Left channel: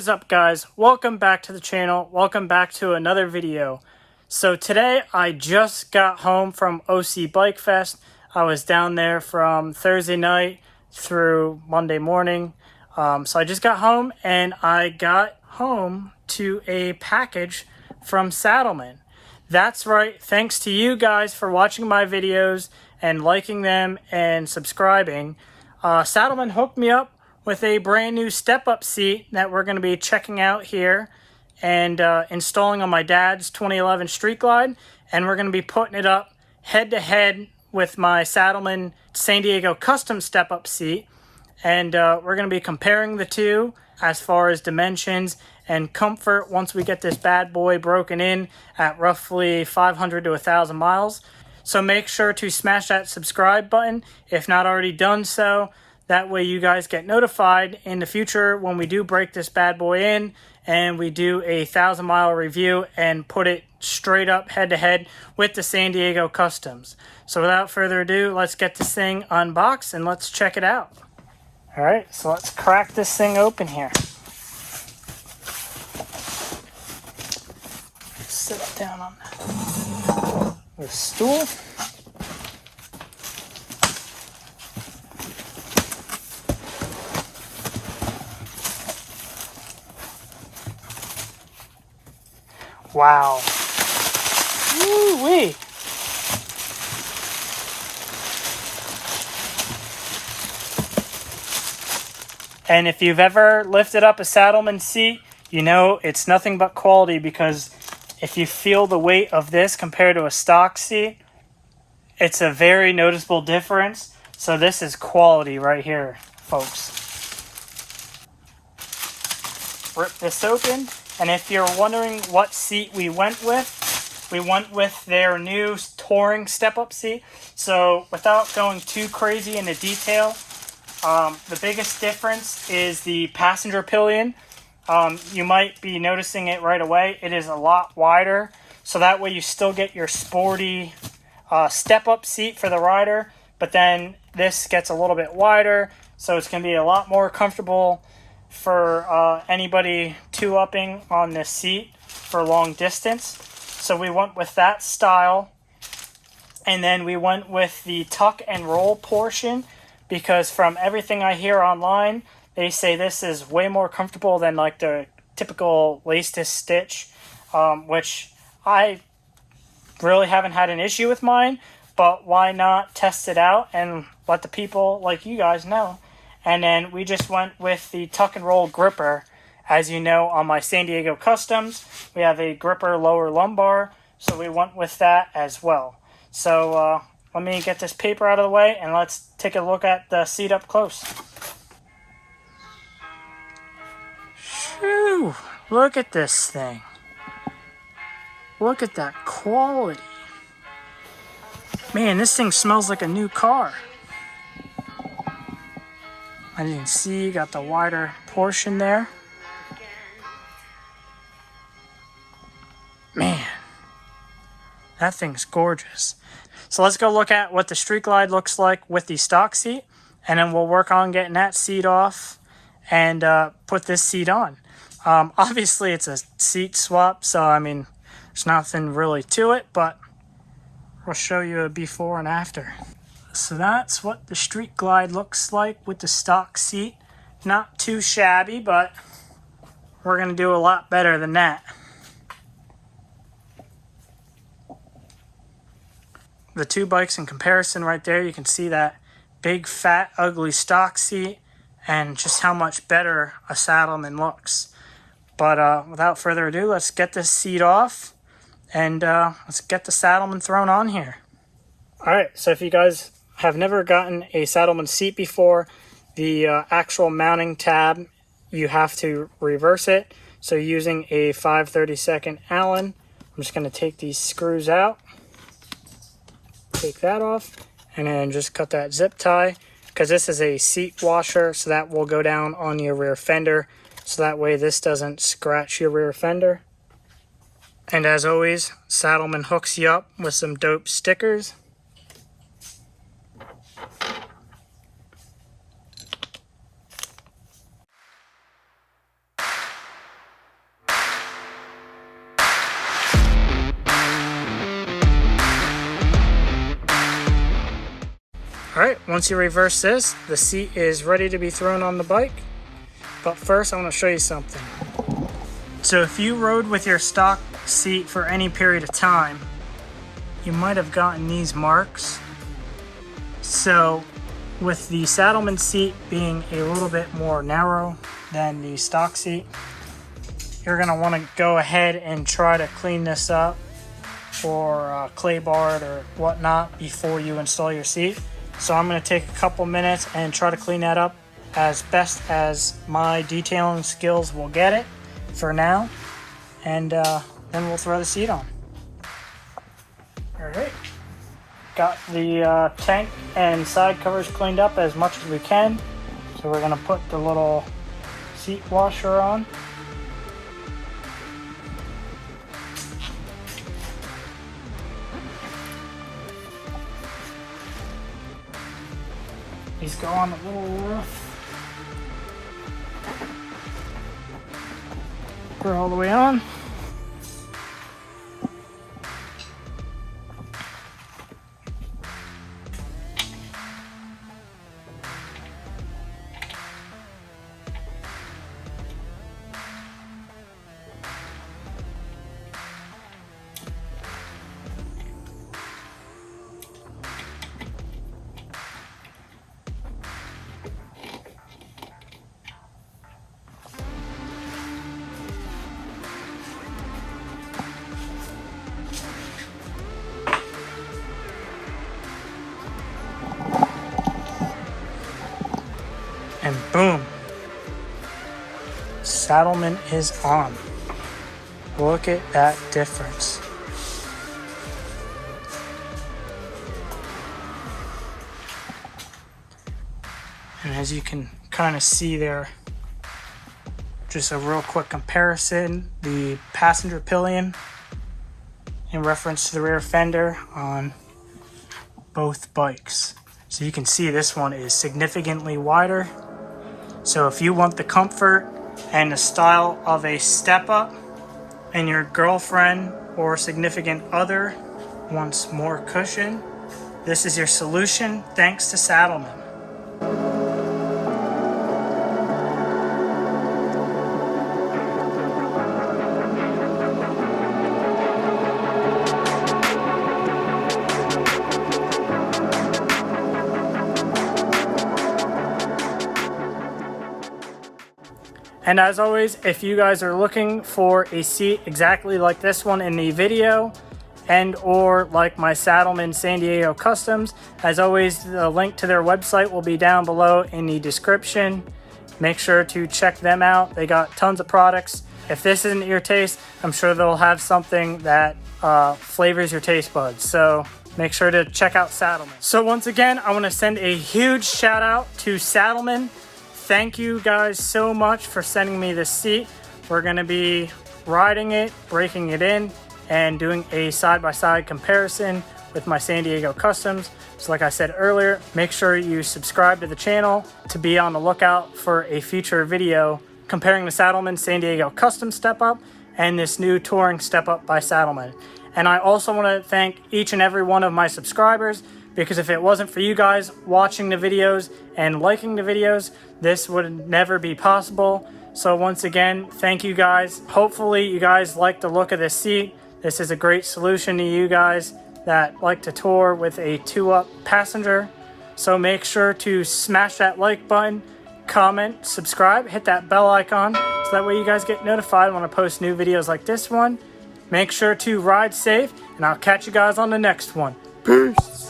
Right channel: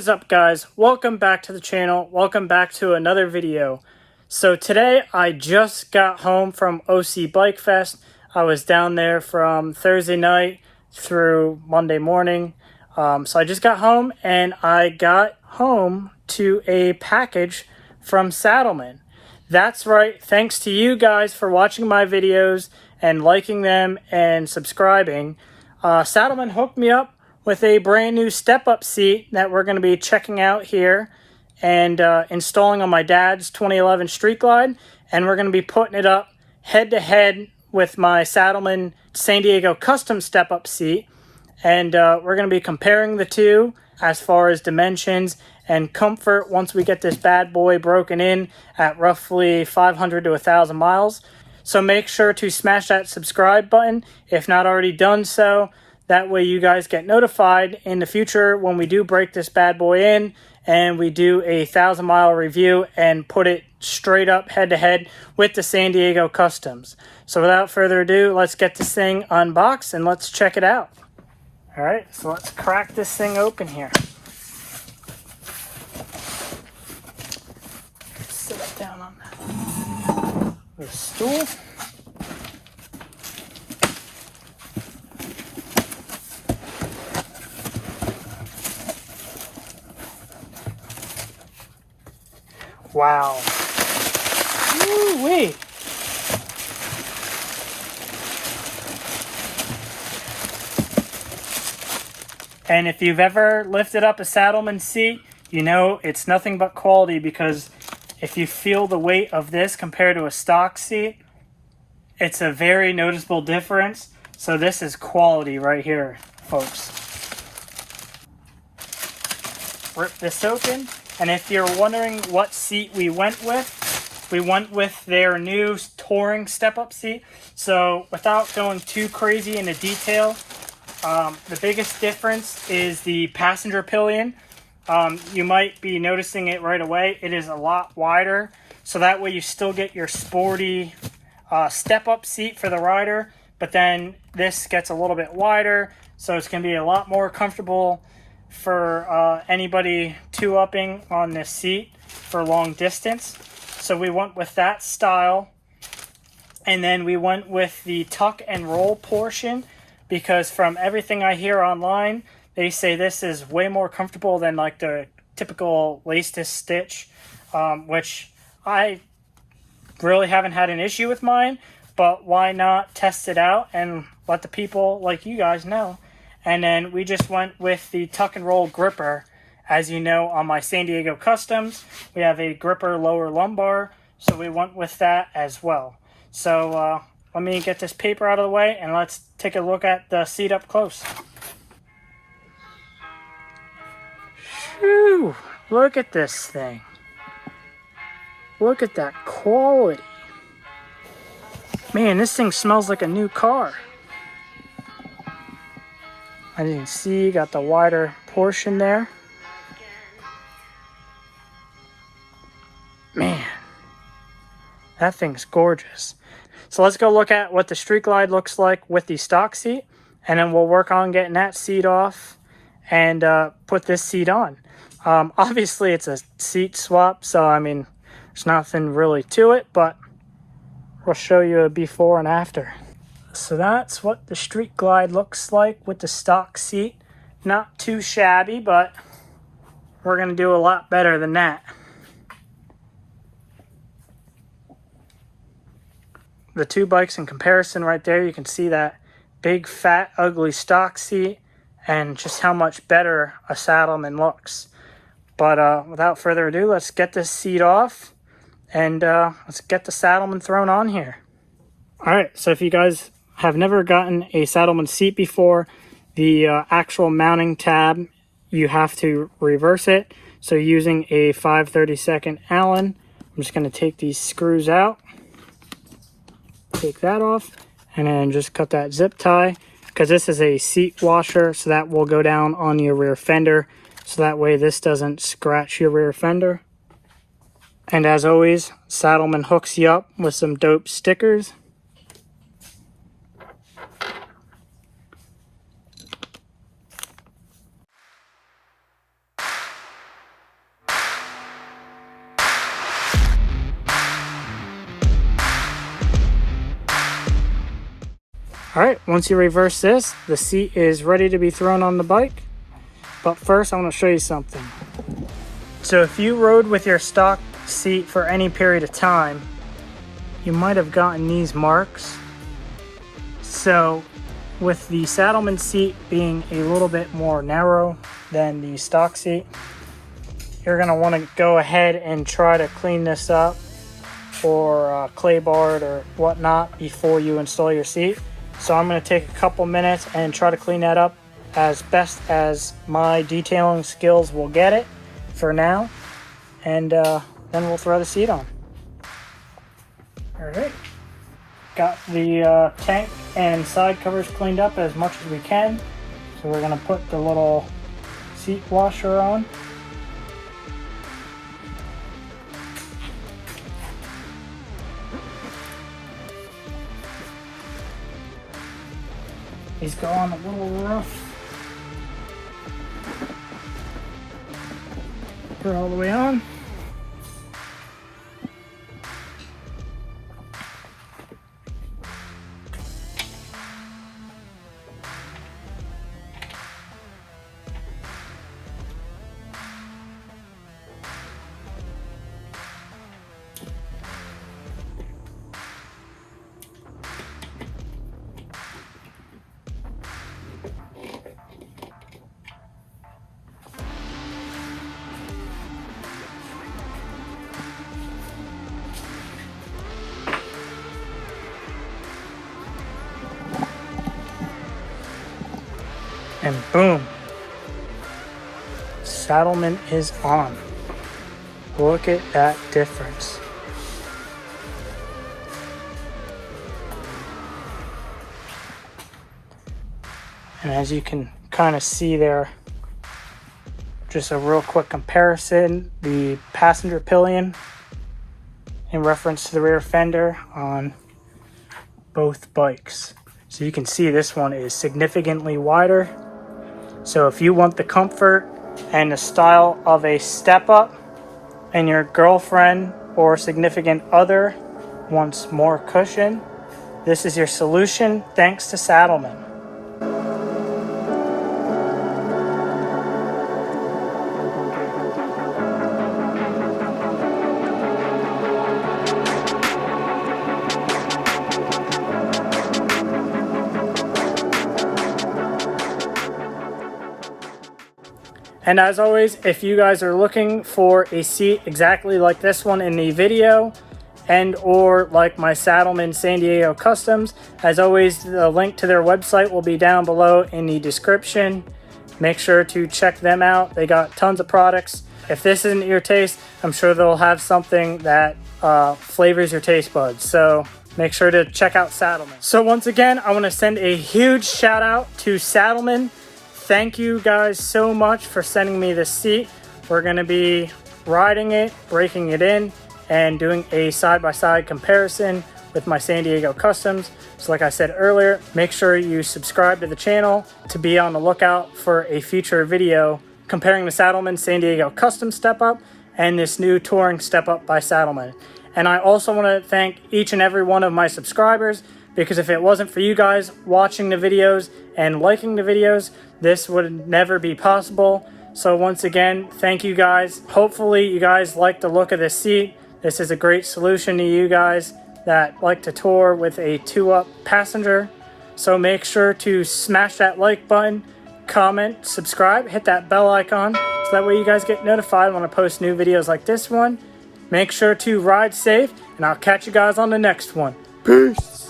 What is up, guys? Welcome back to the channel. Welcome back to another video. So today I just got home from OC Bike Fest. I was down there from Thursday night through Monday morning. So I just got home and I got home to a package from Saddlemen. That's right. Thanks to you guys for watching my videos and liking them and subscribing. Saddlemen hooked me up with a brand new step-up seat that we're going to be checking out here and installing on my dad's 2011 Street Glide. And we're going to be putting it up head-to-head with my Saddlemen San Diego custom step-up seat. And we're going to be comparing the two as far as dimensions and comfort once we get this bad boy broken in at roughly 500 to 1,000 miles. So make sure to smash that subscribe button if not already done so. That way you guys get notified in the future when we do break this bad boy in and we do a 1,000-mile review and put it straight up head-to-head with the San Diego Customs. So without further ado, let's get this thing unboxed and let's check it out. All right, so let's crack this thing open here. Sit it down on the stool. Wow. Woo-wee. And if you've ever lifted up a Saddlemen seat, you know it's nothing but quality, because if you feel the weight of this compared to a stock seat, it's a very noticeable difference. So this is quality right here, folks. Rip this open. And if you're wondering what seat we went with their new Touring Step-Up seat. So without going too crazy into detail, the biggest difference is the passenger pillion. You might be noticing it right away. It is a lot wider. So that way you still get your sporty step-up seat for the rider. But then this gets a little bit wider. So it's going to be a lot more comfortable for anybody two-upping on this seat for long distance. So we went with that style. And then we went with the tuck and roll portion, because from everything I hear online, they say this is way more comfortable than like the typical lace-to-stitch, which I really haven't had an issue with mine, but why not test it out and let the people like you guys know. And then we just went with the tuck and roll gripper. As you know, on my San Diego Customs, we have a gripper lower lumbar, so we went with that as well. So let me get this paper out of the way and let's take a look at the seat up close. Phew, look at this thing. Look at that quality. Man, this thing smells like a new car. As you can see, you got the wider portion there. Man, that thing's gorgeous. So let's go look at what the Street Glide looks like with the stock seat, and then we'll work on getting that seat off and put this seat on. Obviously, it's a seat swap, so I mean, there's nothing really to it, but we'll show you a before and after. So that's what the Street Glide looks like with the stock seat. Not too shabby, but we're going to do a lot better than that. The two bikes in comparison right there, you can see that big, fat, ugly stock seat and just how much better a Saddlemen looks. But without further ado, let's get this seat off and let's get the Saddlemen thrown on here. All right, so if you guys have never gotten a Saddlemen seat before, the actual mounting tab, you have to reverse it. So using a 5/32 Allen, I'm just going to take these screws out, take that off, and then just cut that zip tie, because this is a seat washer, so that will go down on your rear fender, so that way this doesn't scratch your rear fender. And as always, Saddlemen hooks you up with some dope stickers. Alright, once you reverse this, the seat is ready to be thrown on the bike. But first, I want to show you something. So if you rode with your stock seat for any period of time, you might have gotten these marks. So with the Saddlemen seat being a little bit more narrow than the stock seat, you're going to want to go ahead and try to clean this up or clay bar it or whatnot before you install your seat. So I'm going to take a couple minutes and try to clean that up as best as my detailing skills will get it for now, and then we'll throw the seat on. Alright, got the tank and side covers cleaned up as much as we can, so we're going to put the little seat washer on. These go on a little rough. We're all the way on. And boom, Saddlemen is on. Look at that difference. And as you can kind of see there, just a real quick comparison, the passenger pillion in reference to the rear fender on both bikes. So you can see this one is significantly wider. So if you want the comfort and the style of a step-up and your girlfriend or significant other wants more cushion, this is your solution thanks to Saddlemen. And as always, if you guys are looking for a seat exactly like this one in the video and or like my Saddlemen San Diego Customs, as always, the link to their website will be down below in the description. Make sure to check them out. They got tons of products. If this isn't your taste, I'm sure they'll have something that flavors your taste buds. So make sure to check out Saddlemen. So once again, I want to send a huge shout out to Saddlemen. Thank you guys so much for sending me this seat. We're going to be riding it, breaking it in, and doing a side-by-side comparison with my San Diego Customs. So like I said earlier, make sure you subscribe to the channel to be on the lookout for a future video comparing the Saddlemen San Diego Custom Step-Up and this new Touring Step-Up by Saddlemen. And I also want to thank each and every one of my subscribers, because if it wasn't for you guys watching the videos and liking the videos, this would never be possible. So once again, thank you guys. Hopefully you guys like the look of this seat. This is a great solution to you guys that like to tour with a 2-up passenger. So make sure to smash that like button, comment, subscribe, hit that bell icon, so that way you guys get notified when I post new videos like this one. Make sure to ride safe, and I'll catch you guys on the next one. Peace!